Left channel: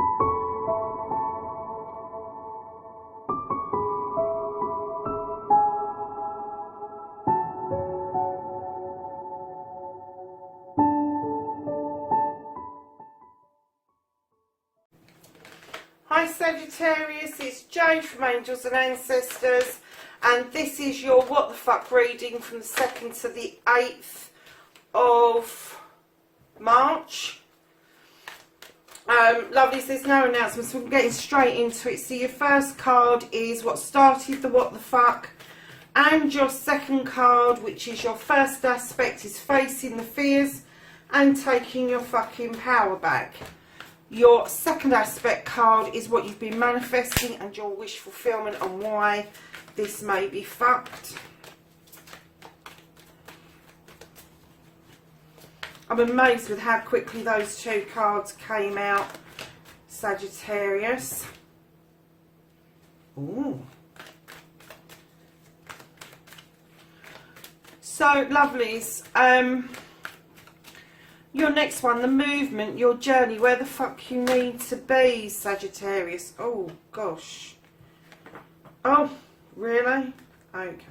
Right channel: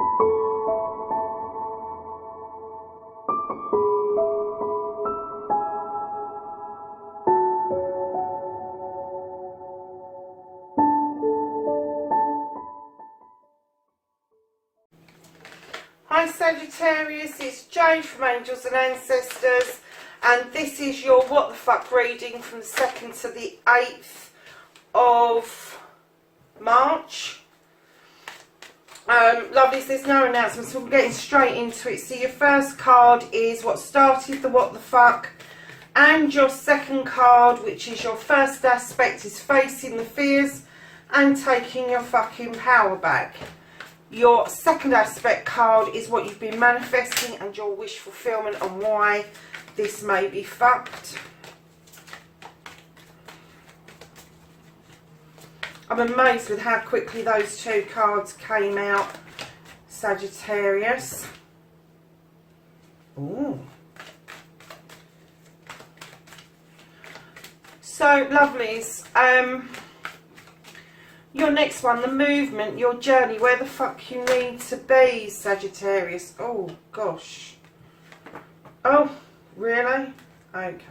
Hi Sagittarius, it's Jane from Angels and Ancestors, and this is your what the fuck reading from the 2nd to the 8th of March. Lovelies, there's no announcements, we're getting straight into it. So your first card is what started the what the fuck, and your second card, which is your first aspect, is facing the fears and taking your fucking power back. Your second aspect card is what you've been manifesting and your wish fulfillment and why this may be fucked. I'm amazed with how quickly those two cards came out, Sagittarius. Ooh. So, lovelies, your next one, the movement, your journey, where the fuck you need to be, Sagittarius. Oh, gosh. Oh, really? Okay.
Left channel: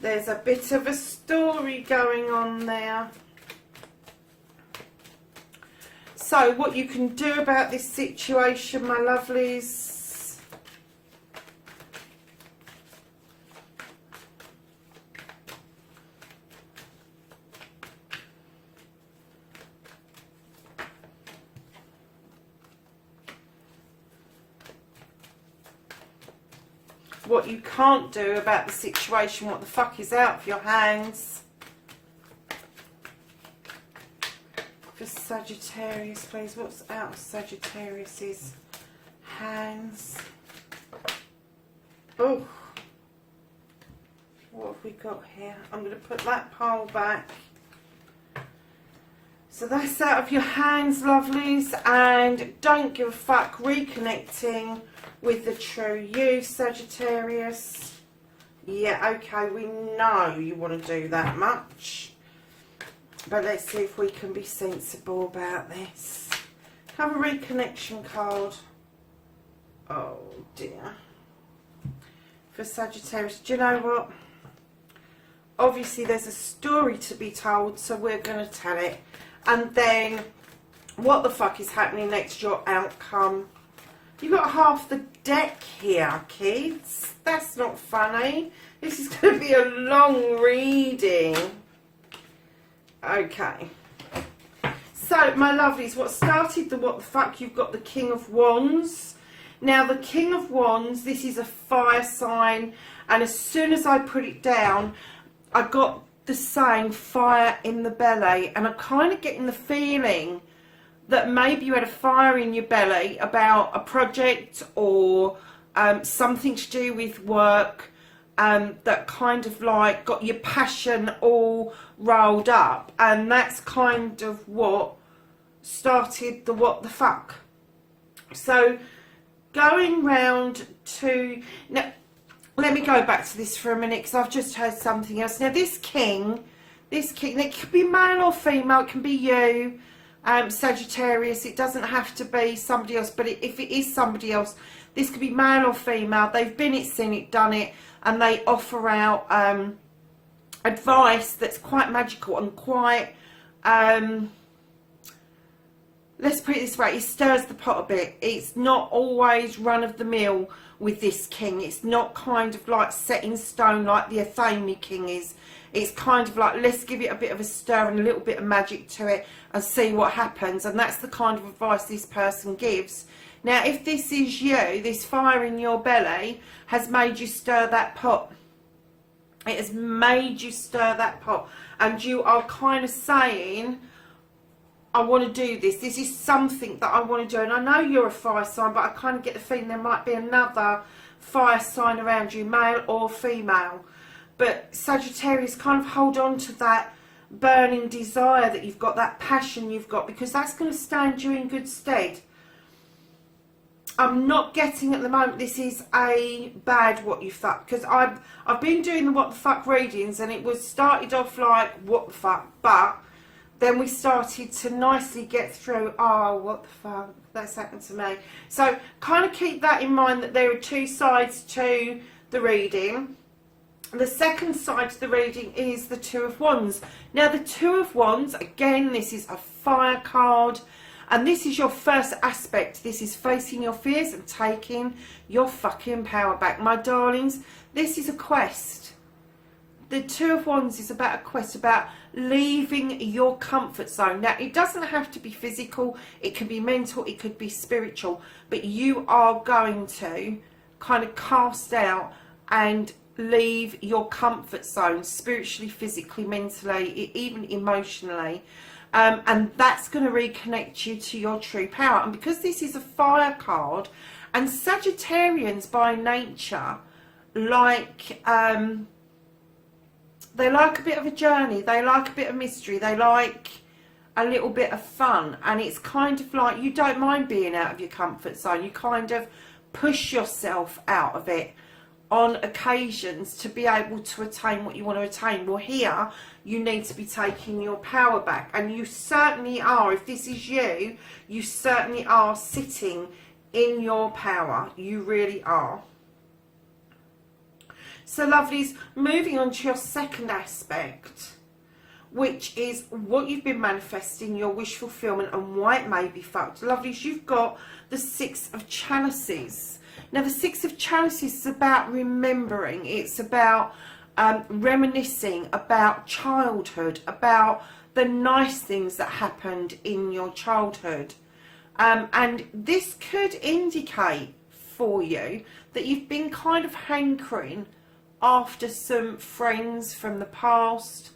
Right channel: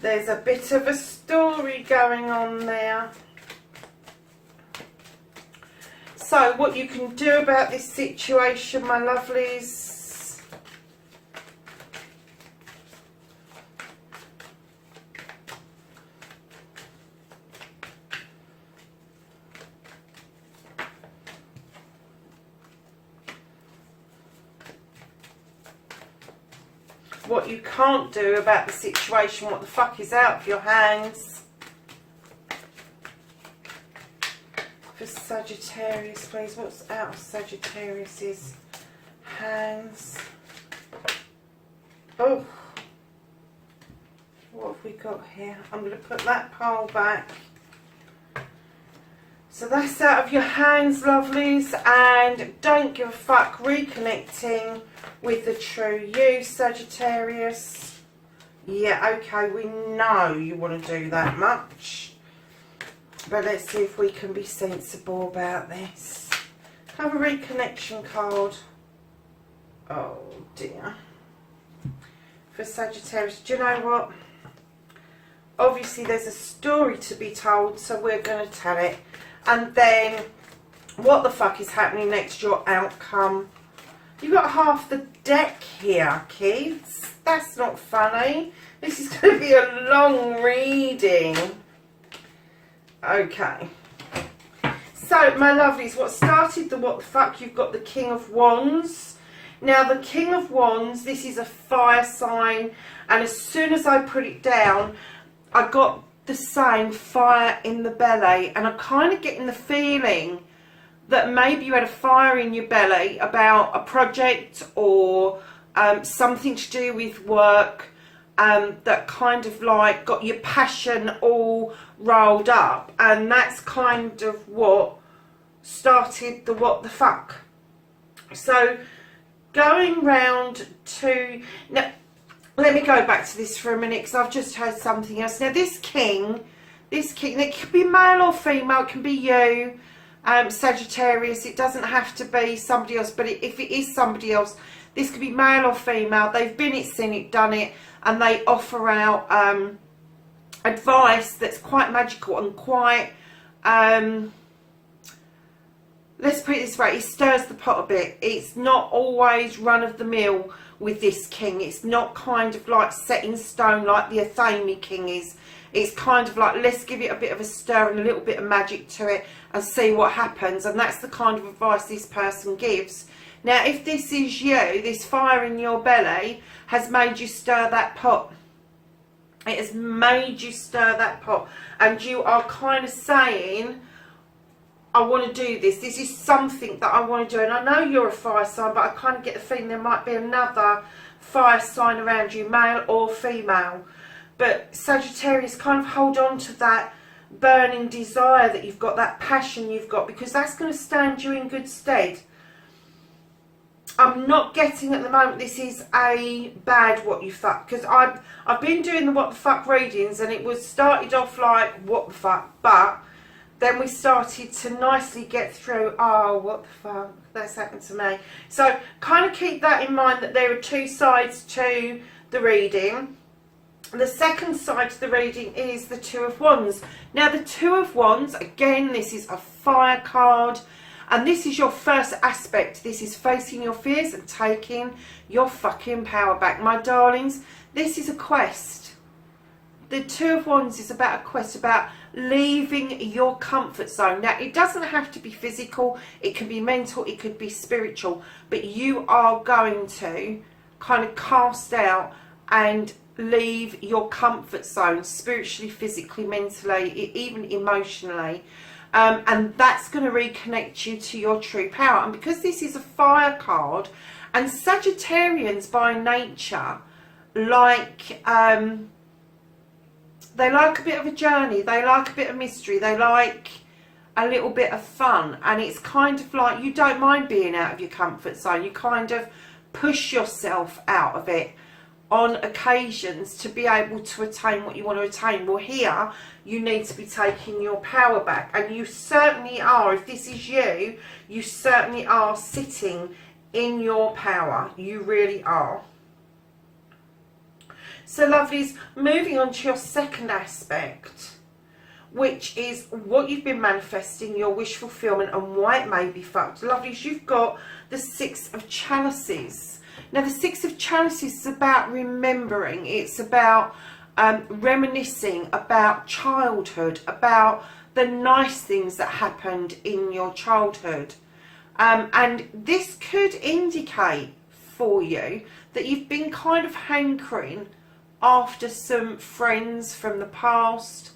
There's a bit of a story going on there. So, what you can do about this situation, my lovelies, what you can't do about the situation, what the fuck is out of your hands. For Sagittarius, please, what's out of Sagittarius's hands? Oh, what have we got here? I'm going to put that pile back. So that's out of your hands, lovelies, and don't give a fuck, reconnecting with the true you, Sagittarius. Yeah, okay, we know you want to do that much. But let's see if we can be sensible about this. Have a reconnection card. Oh dear. For Sagittarius, do you know what? Obviously there's a story to be told, so we're going to tell it. And then, what the fuck is happening next? Your outcome. You've got half the deck here, kids. That's not funny. This is going to be a long reading. Okay. So, my lovelies, what started the what the fuck? You've got the King of Wands. Now, the King of Wands, this is a fire sign. And as soon as I put it down, I got the same fire in the belly, and I'm kind of getting the feeling that maybe you had a fire in your belly about a project or something to do with work, that kind of like got your passion all rolled up, and that's kind of what started the what the fuck. So going round to now, let me go back to this for a minute because I've just heard something else. Now this king, it can be male or female, it can be you, Sagittarius, it doesn't have to be somebody else, but if it is somebody else, this could be male or female. They've been it, seen it, done it, and they offer out advice that's quite magical and quite, let's put it this way, it stirs the pot a bit. It's not always run-of-the-mill with this king. It's not kind of like set in stone like the Athame king is. It's kind of like, let's give it a bit of a stir and a little bit of magic to it and see what happens. And that's the kind of advice this person gives. Now, if this is you, this fire in your belly has made you stir that pot. It has made you stir that pot. And you are kind of saying, I want to do this. This is something that I want to do. And I know you're a fire sign, but I kind of get the feeling there might be another fire sign around you, male or female. But Sagittarius, kind of hold on to that burning desire that you've got, that passion you've got, because that's going to stand you in good stead. I'm not getting at the moment this is a bad what you fuck, because I've been doing the what the fuck readings, and it was started off like what the fuck, but then we started to nicely get through, oh, what the fuck, that's happened to me. So kind of keep that in mind, that there are two sides to the reading. The second side to the reading is the Two of Wands. Now the Two of Wands, again, this is a fire card, and this is your first aspect. This is facing your fears and taking your fucking power back. My darlings, this is a quest. The Two of Wands is about a quest, about leaving your comfort zone. Now, it doesn't have to be physical. It can be mental. It could be spiritual. But you are going to kind of cast out and leave your comfort zone, spiritually, physically, mentally, even emotionally. And that's going to reconnect you to your true power. And because this is a fire card, and Sagittarians by nature like... they like a bit of a journey, they like a bit of mystery, they like a little bit of fun, and it's kind of like you don't mind being out of your comfort zone. You kind of push yourself out of it on occasions to be able to attain what you want to attain. Well, here you need to be taking your power back, and you certainly are. If this is you, you certainly are sitting in your power. You really are. So lovelies, moving on to your second aspect, which is what you've been manifesting, your wish fulfillment, and why it may be fucked. Lovelies, you've got the Six of Chalices. Now the Six of Chalices is about remembering. It's about reminiscing about childhood, about the nice things that happened in your childhood. And this could indicate for you that you've been kind of hankering after some friends from the past,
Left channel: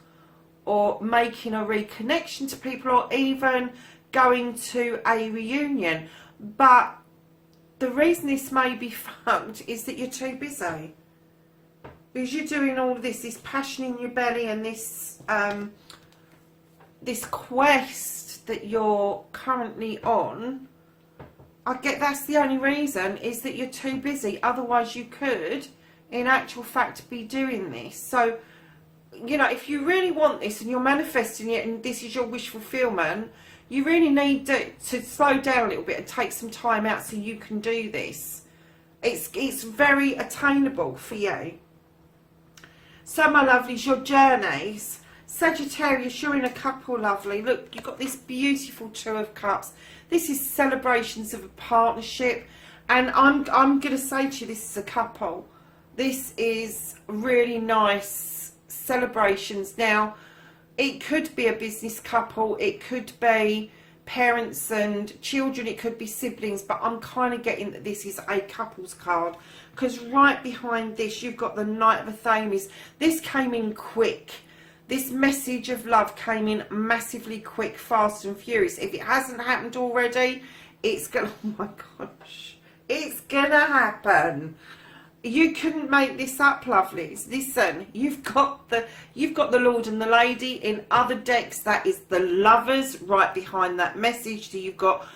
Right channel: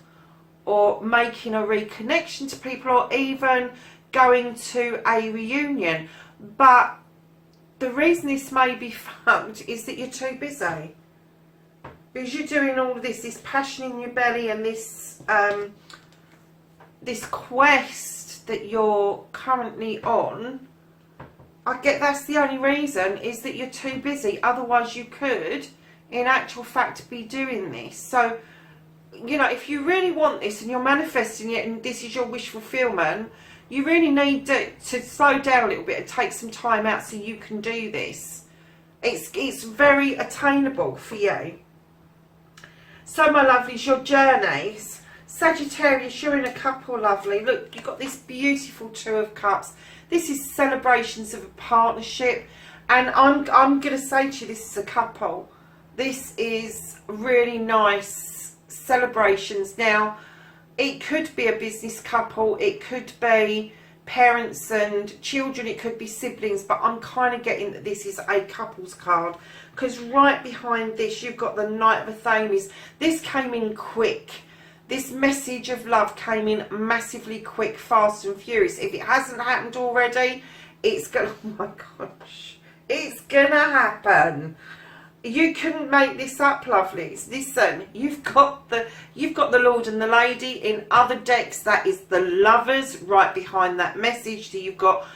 or making a reconnection to people, or even going to a reunion. But the reason this may be fucked is that you're too busy. Because you're doing all of this passion in your belly, and this this quest that you're currently on. I get that's the only reason, is that you're too busy. Otherwise you could, in actual fact, be doing this. So, you know, if you really want this and you're manifesting it and this is your wish fulfillment, you really need to slow down a little bit and take some time out so you can do this. It's very attainable for you. So my lovelies, your journeys. Sagittarius, you're in a couple, lovely. Look, you've got this beautiful Two of Cups. This is celebrations of a partnership. And I'm going to say to you, this is a couple. This is really nice celebrations. Now, it could be a business couple. It could be parents and children. It could be siblings. But I'm kind of getting that this is a couples card. Because right behind this, you've got the Knight of Athames. This came in quick. This message of love came in massively quick, fast and furious. If it hasn't happened already, it's going to... Oh my gosh. It's going to happen. You couldn't make this up, lovelies. Listen, you've got the Lord and the Lady. In other decks, that is the Lovers right behind that message. So you've got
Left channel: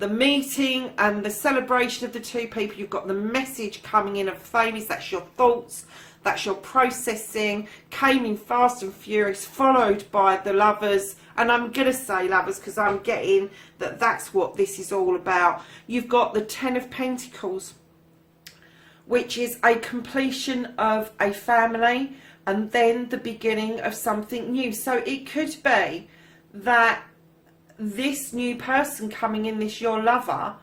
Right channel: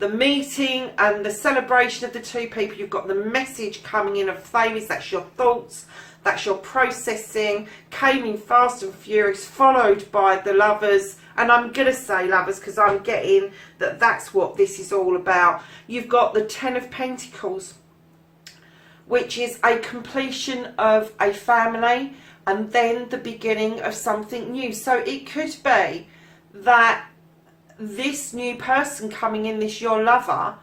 the meeting and the celebration of the two people. You've got the message coming in of Athames. That's your thoughts. That's your processing. Came in fast and furious, followed by the Lovers. And I'm going to say Lovers because I'm getting that that's what this is all about. You've got the Ten of Pentacles, which is a completion of a family and then the beginning of something new. So it could be that this new person coming in, this your lover,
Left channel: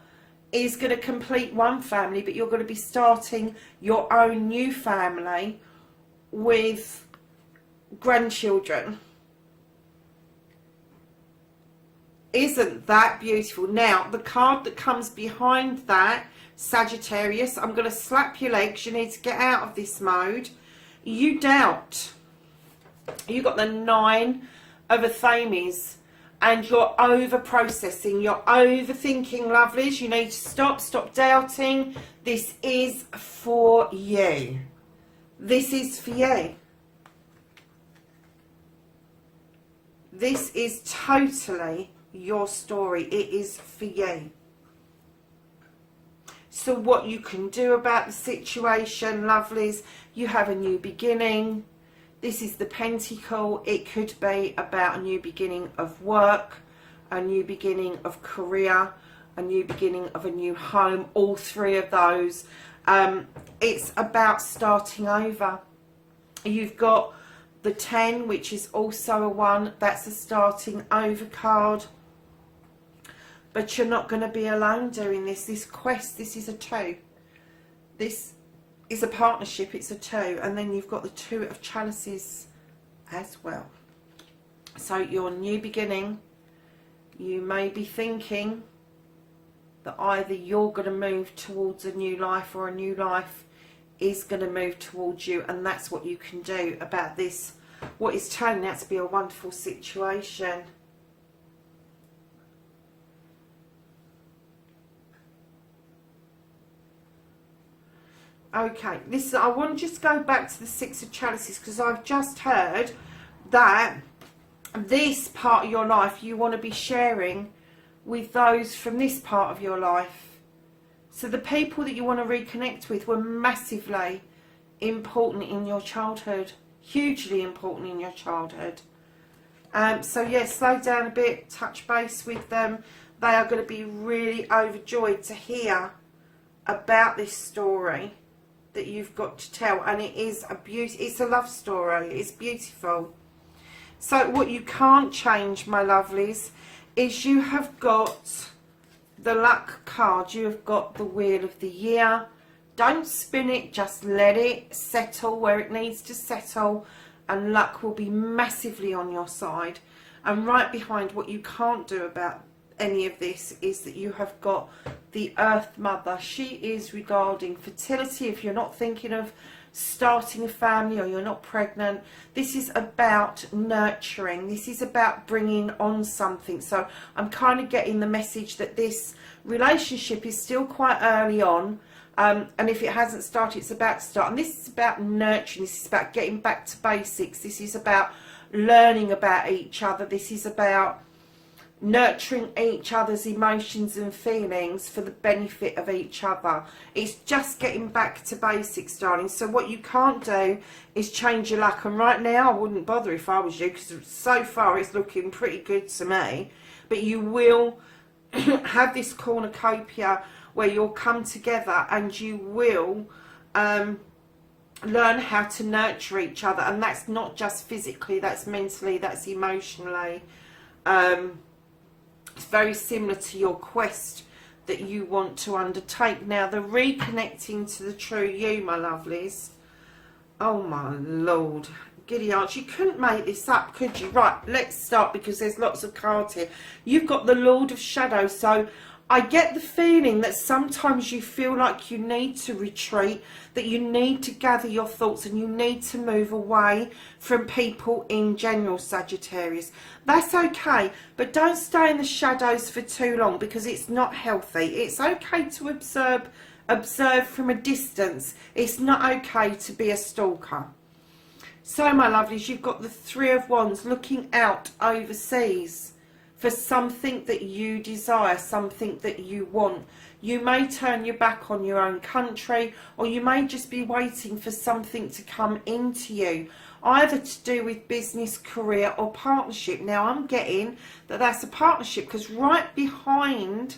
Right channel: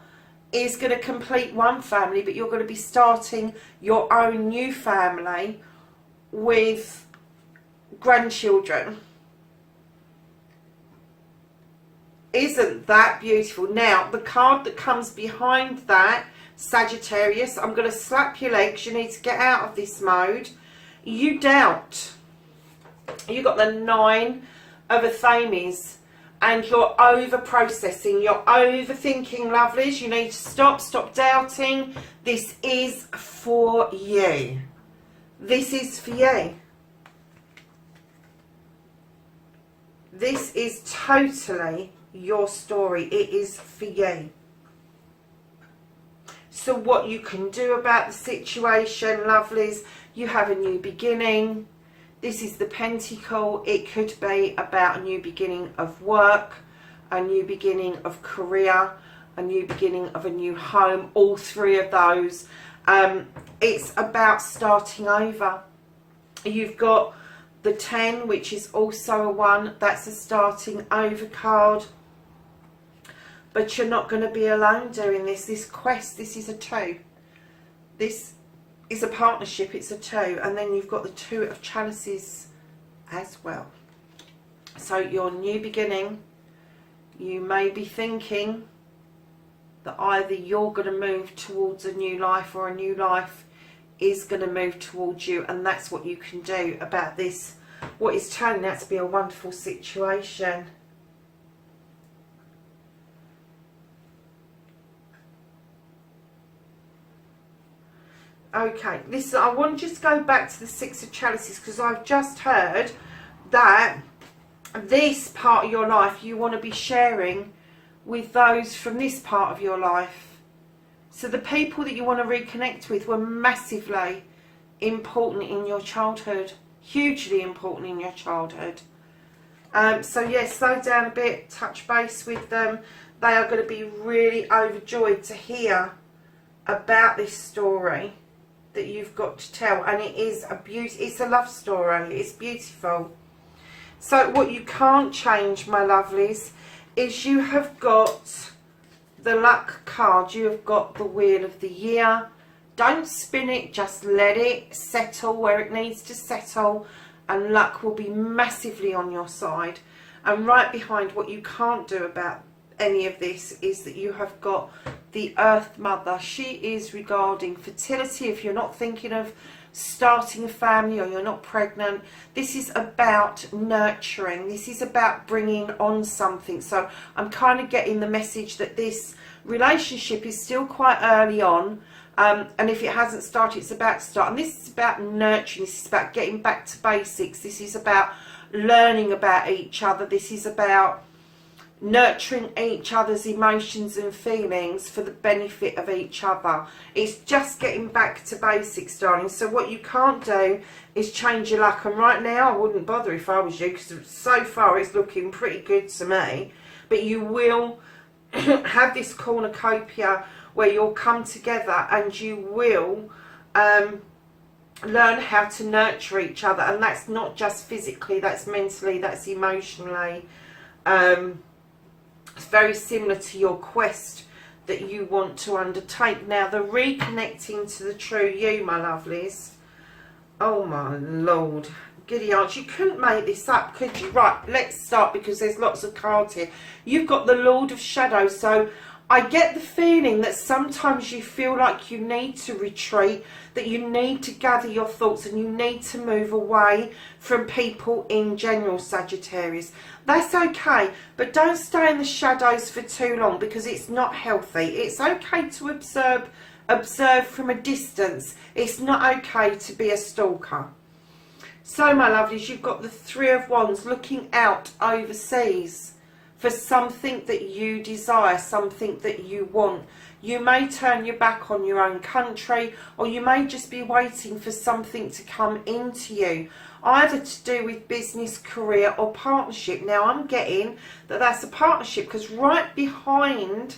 is going to complete one family, but you're going to be starting your own new family with grandchildren. Isn't that beautiful? Now, the card that comes behind that, Sagittarius, I'm going to slap your legs. You need to get out of this mode. You doubt. You got the Nine of Athames. And you're over processing, you're overthinking, lovelies. You need to stop doubting. This is for you. This is for you. This is totally your story. It is for you. So what you can do about the situation, lovelies, you have a new beginning. This is the Pentacle. It could be about a new beginning of work, a new beginning of career, a new beginning of a new home. All three of those. It's about starting over. You've got the 10, which is also a 1. That's a starting over card. But you're not going to be alone doing this. This quest, this is a 2. This is a partnership, it's a 2. And then you've got the 2 of chalices as well. So your new beginning, you may be thinking that either you're going to move towards a new life or a new life is going to move towards you. And that's what you can do about this. What is turning out to be a wonderful situation. Okay, this I want to just go back to the 6 of chalices, because I've just heard that this part of your life you want to be sharing with those from this part of your life. So the people that you want to reconnect with were massively important in your childhood, hugely important in your childhood. So yes, slow down a bit, touch base with them. They are going to be really overjoyed to hear about this story that you've got to tell, and it is a it's a love story. It's beautiful. So what you can't change, my lovelies, is you have got the luck card. You have got the wheel of the year. Don't spin it, just let it settle where it needs to settle, and luck will be massively on your side. And right behind, what you can't do about any of this is that you have got the Earth Mother. She is regarding fertility. If you're not thinking of starting a family or you're not pregnant, this is about nurturing. This is about bringing on something. So I'm kind of getting the message that this relationship is still quite early on, and if it hasn't started, it's about to start. And this is about nurturing. This is about getting back to basics. This is about learning about each other. This is about nurturing each other's emotions and feelings for the benefit of each other. It's just getting back to basics, darling. So what you can't do is change your luck. And right now, I wouldn't bother if I was you, because so far it's looking pretty good to me. But you will have this cornucopia where you'll come together and you will learn how to nurture each other. And that's not just physically, that's mentally, that's emotionally. It's very similar to your quest that you want to undertake. Now, the reconnecting to the true you, my lovelies. Oh, my Lord. Giddy aunt, you couldn't make this up, could you? Right, let's start, because there's lots of cards here. You've got the Lord of Shadow, so I get the feeling that sometimes you feel like you need to retreat, that you need to gather your thoughts and you need to move away from people in general, Sagittarius. That's okay, but don't stay in the shadows for too long, because it's not healthy. It's okay to observe from a distance. It's not okay to be a stalker. So, my lovelies, you've got the 3 of Wands, looking out overseas for something that you desire, something that you want. You may turn your back on your own country, or you may just be waiting for something to come into you, either to do with business, career, or partnership. Now, I'm getting that that's a partnership, because right behind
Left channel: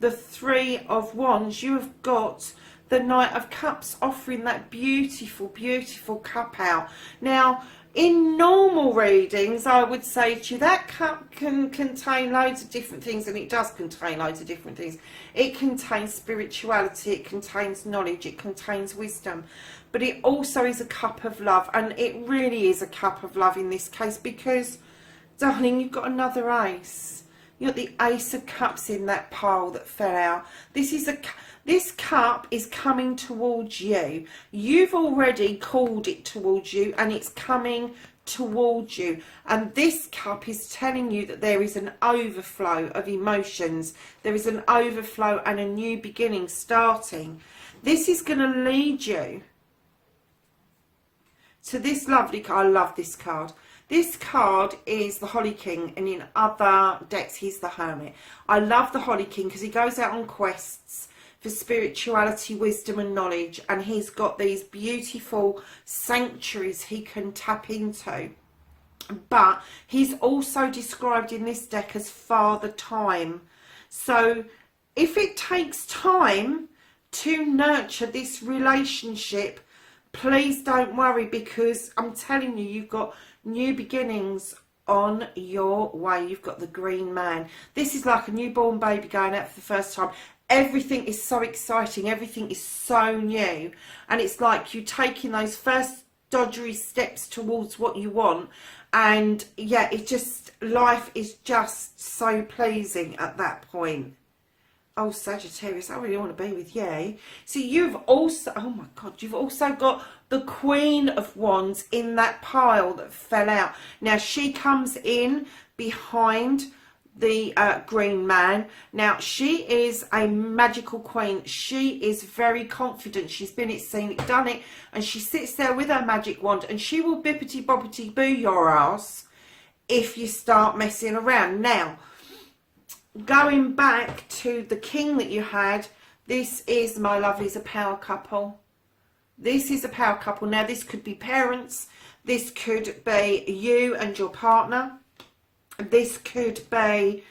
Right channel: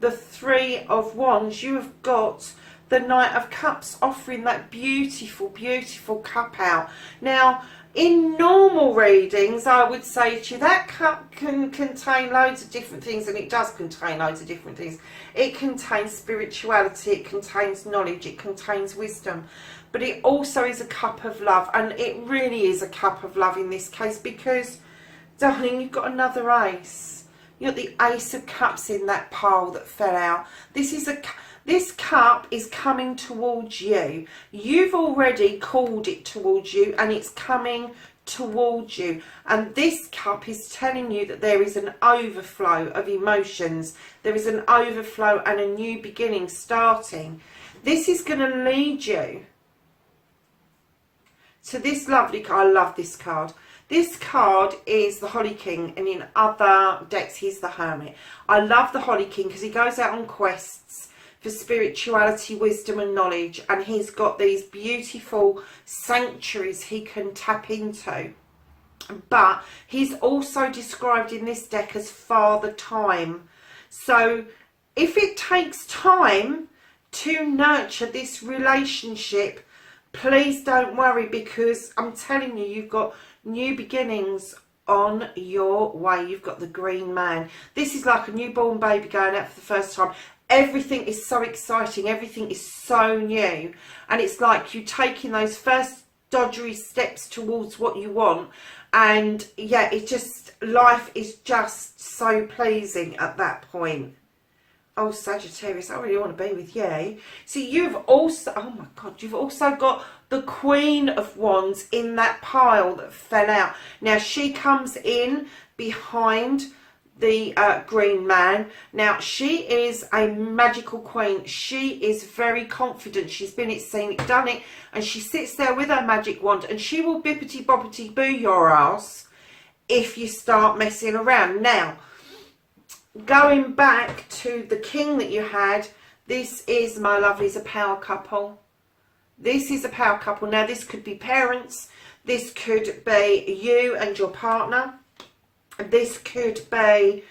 the 3 of Wands, you have got the Knight of Cups, offering that beautiful, beautiful cup out. Now, in normal readings, I would say to you, that cup can contain loads of different things, and it does contain loads of different things. It contains spirituality, it contains knowledge, it contains wisdom, but it also is a cup of love, and it really is a cup of love in this case, because, darling, you've got another ace. You've got the Ace of Cups in that pile that fell out. This cup is coming towards you. You've already called it towards you, and it's coming towards you. And this cup is telling you that there is an overflow of emotions. There is an overflow and a new beginning starting. This is going to lead you to this lovely card. I love this card. This card is the Holly King, and in other decks he's the Hermit. I love the Holly King because he goes out on quests for spirituality, wisdom and knowledge, and he's got these beautiful sanctuaries he can tap into. But he's also described in this deck as Father Time. So if it takes time to nurture this relationship, please don't worry, because I'm telling you, you've got new beginnings on your way. You've got the Green Man. This is like a newborn baby going out for the first time. Everything is so exciting. Everything is so new. And it's like you taking those first dodgery steps towards what you want. And yeah, it just, life is just so pleasing at that point. Oh, Sagittarius, I really want to be with you. See, you've also, oh my God, you've also got the Queen of Wands in that pile that fell out. Now, she comes in behind the Green Man. Now, she is a magical queen. She is very confident. She's been it, seen it, done it. And she sits there with her magic wand and she will bippity-boppity boo your ass if you start messing around. Now, going back to the king that you had, this is, my lovelies, a power couple. This is a power couple. Now, this could be parents. This could be you and your partner. This could be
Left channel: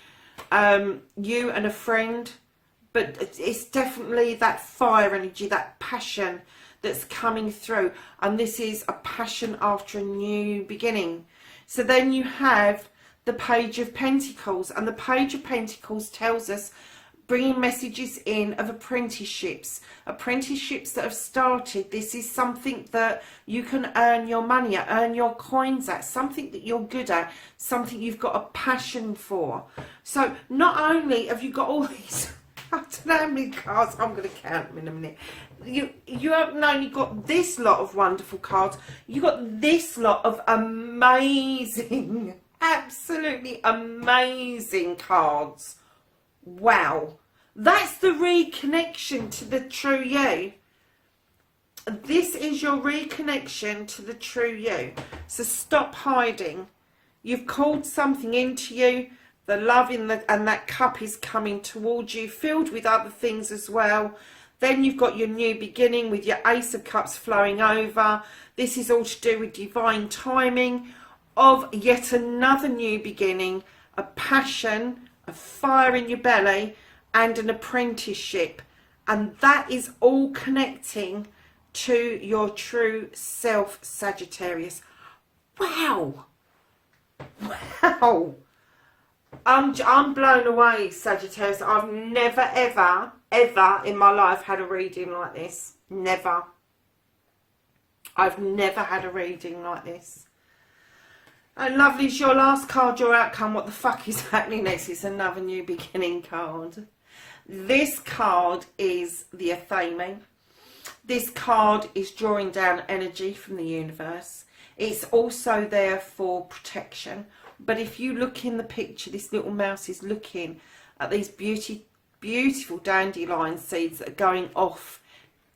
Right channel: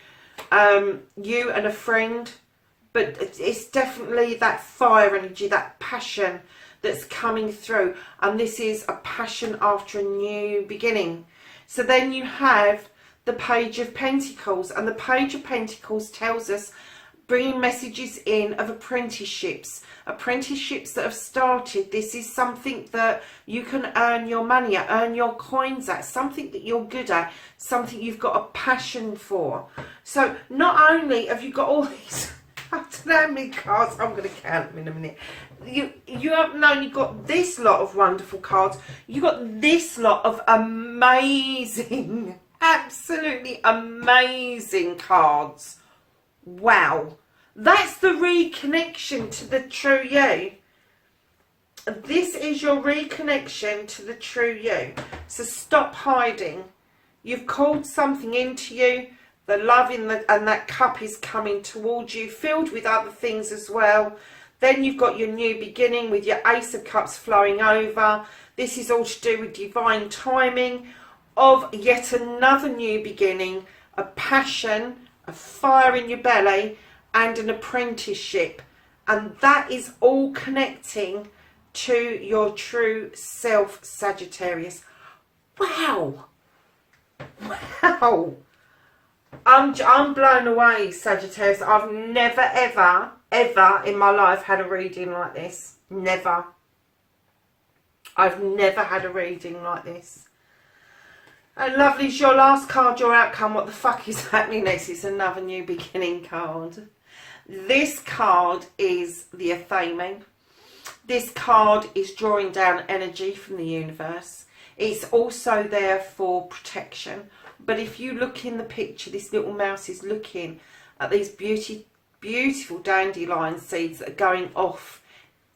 you and a friend. But it's definitely that fire energy, that passion that's coming through. And this is a passion after a new beginning. So then you have the Page of Pentacles, and the Page of Pentacles tells us bringing messages in of apprenticeships that have started. This is something that you can earn your money at, earn your coins at, something that you're good at, something you've got a passion for. So not only have you got all these, I don't know how many cards, I'm going to count them in a minute. You haven't only got this lot of wonderful cards, you got this lot of amazing, absolutely amazing cards. Wow, that's the reconnection to the true you. This is your reconnection to the true you. So stop hiding. You've called something into you. The love in the, and that cup is coming towards you, filled with other things as well. Then you've got your new beginning with your Ace of Cups flowing over. This is all to do with divine timing of yet another new beginning, a passion, a fire in your belly, and an apprenticeship. And that is all connecting to your true self, Sagittarius. Wow. Wow. I'm blown away, Sagittarius. I've never, ever, ever in my life had a reading like this. Never. I've never had a reading like this. And lovelies, your last card, your outcome. What the fuck is happening next? It's another new beginning card. This card is the Athame. This card is drawing down energy from the universe. It's also there for protection. But if you look in the picture, this little mouse is looking at these beautiful dandelion seeds that are going off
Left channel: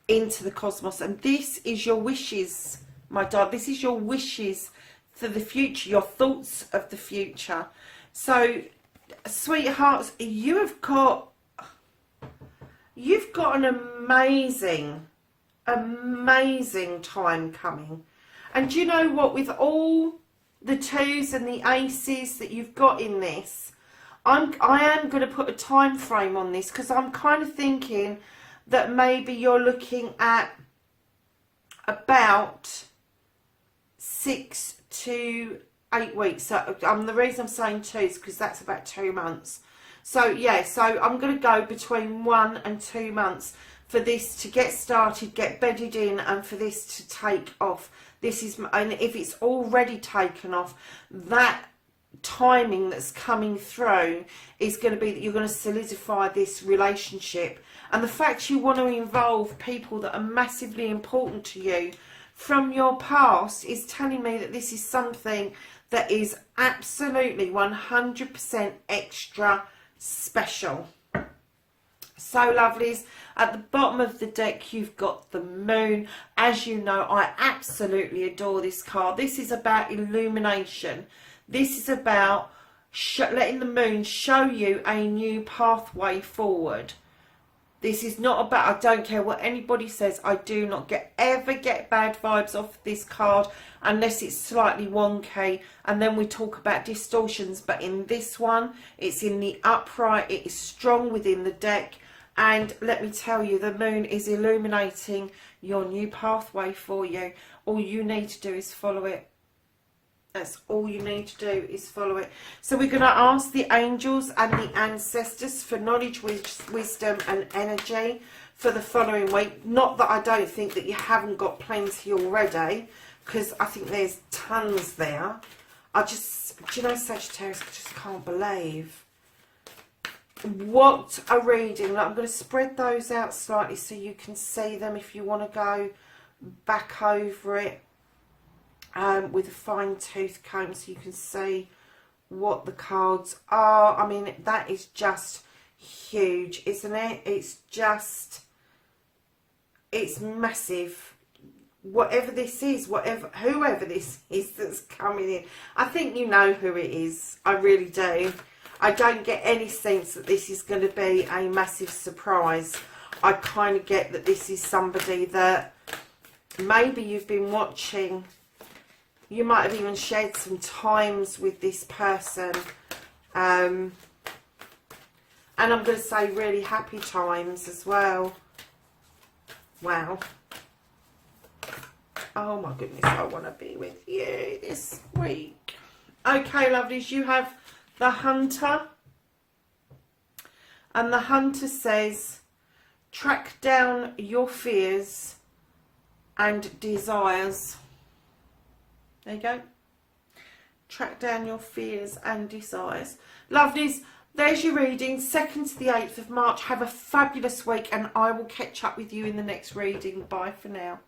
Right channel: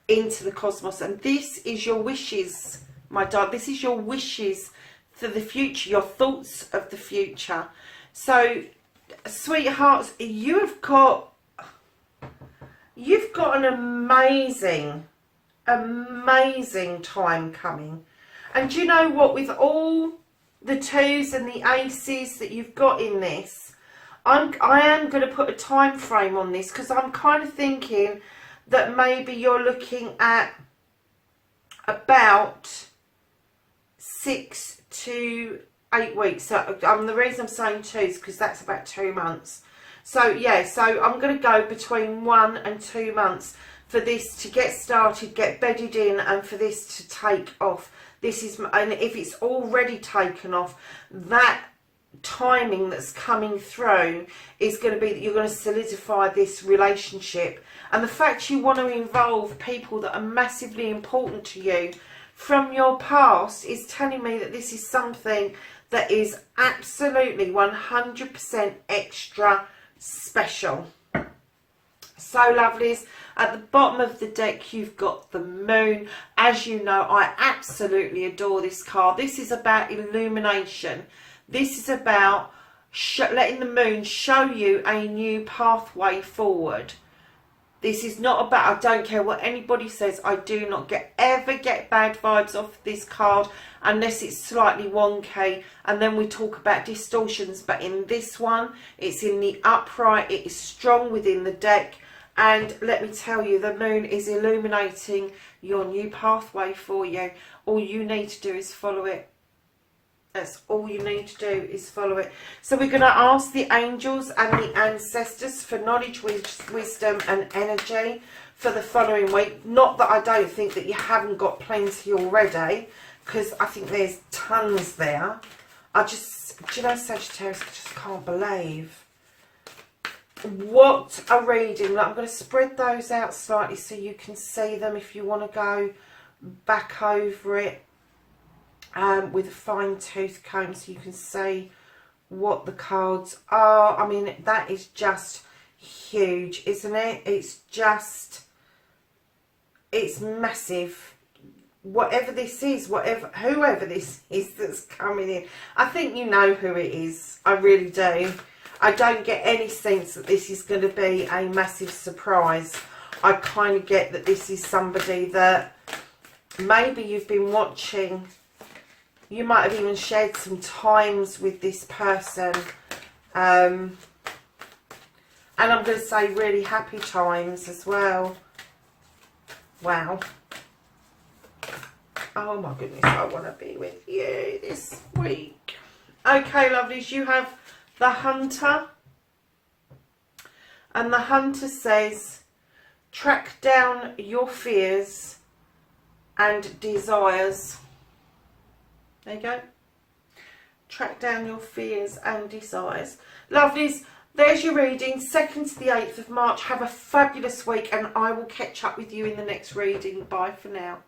into the cosmos. And this is your wishes, my darling. This is your wishes for the future, your thoughts of the future. So, sweethearts, you've got an amazing time coming. And do you know what? With all the twos and the aces that you've got in this, I am going to put a time frame on this, because I'm kind of thinking that maybe you're looking at about 6 to 8 weeks. So the reason I'm saying 2 is because that's about 2 months. So yeah, so I'm going to go between 1 and 2 months for this to get started, get bedded in, and for this to take off. This is, and if it's already taken off, that timing that's coming through is going to be that you're going to solidify this relationship. And the fact you want to involve people that are massively important to you from your past is telling me that this is something that is absolutely 100% extra special. So lovelies, at the bottom of the deck you've got the moon. As you know, I absolutely adore this card. This is about illumination. This is about letting the moon show you a new pathway forward. This is not about, I don't care what anybody says, I do not ever get bad vibes off this card unless it's slightly wonky, and then we talk about distortions. But in this one, it's in the upright, it is strong within the deck, and let me tell you, the moon is illuminating your new pathway for you. All you need to do is follow it. That's all you need to do is follow it. So we're going to ask the angels and the ancestors for knowledge, wisdom and energy for the following week. Not that I don't think that you haven't got plenty already, because I think there's tons there. I just, do you know, Sagittarius, I just can't believe what a reading. Like, I'm going to spread those out slightly so you can see them if you want to go back over it. With a fine tooth comb so you can see what the cards are. I mean, that is just huge, isn't it? It's just, it's massive. Whatever this is, whoever this is that's coming in, I think you know who it is. I really do. I don't get any sense that this is going to be a massive surprise. I kind of get that this is somebody that maybe you've been watching. You might have even shared some times with this person. And I'm going to say really happy times as well. Wow. Oh my goodness, I want to be with you this week. Okay, lovelies, you have the Hunter. And the Hunter says, track down your fears and desires. There you go. Track down your fears and desires. Lovelies, there's your reading. 2nd to the 8th of March. Have a fabulous week, and I will catch up with you in the next reading. Bye for now.